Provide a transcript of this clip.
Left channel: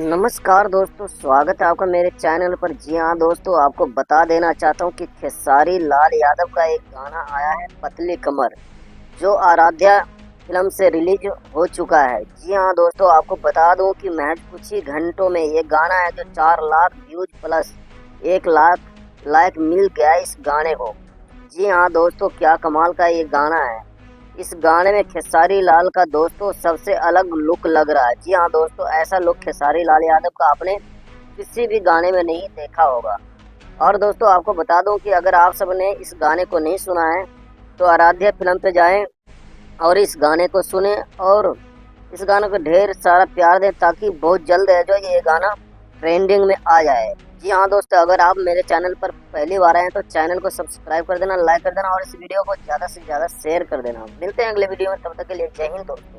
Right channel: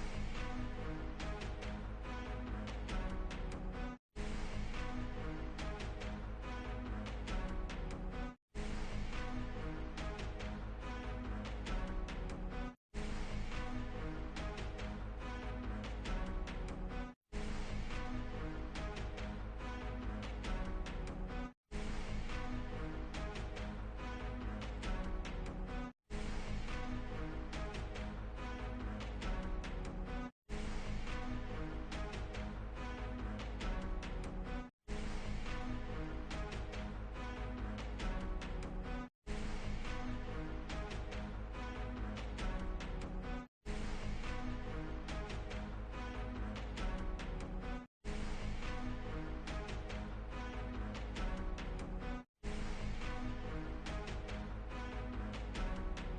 नमस्कार दोस्तों, स्वागत है आपका मेरे चैनल पर। जी हाँ दोस्तों, आपको बता देना चाहता हूँ कि खेसारी लाल यादव का एक गाना आया है पतली कमर, जो आराध्या फिल्म से रिलीज हो चुका है। जी हाँ दोस्तों, आपको बता दूं कि महज कुछ ही घंटों में ये गाना है जो 4 lakh views plus 1 lakh like मिल गया इस गाने को। जी हाँ दोस्तों, क्या कमाल का ये गाना है। इस गाने में खेसारी लाल का दोस्तों सबसे अलग लुक लग रहा है। जी हाँ दोस्तों, ऐसा लुक खेसारी लाल यादव का आपने किसी भी गाने में नहीं देखा होगा। और दोस्तों आपको बता दूं कि अगर आप सबने इस गाने को नहीं सुना है तो आराध्या फिल्म पे जाएं और इस गाने को सुने और इस गाने को ढेर सारा प्यार दें, ताकि बहुत जल्द है जो ये गाना ट्रेंडिंग में आ जाए। जी हाँ दोस्तों, अगर आप मेरे चैनल पर पहली बार आए हैं तो चैनल को सब्सक्राइब कर देना, लाइक कर देना और इस वीडियो को ज़्यादा से ज़्यादा शेयर कर देना। मिलते हैं अगले वीडियो में, तब तक के लिए जय हिंद दोस्तों।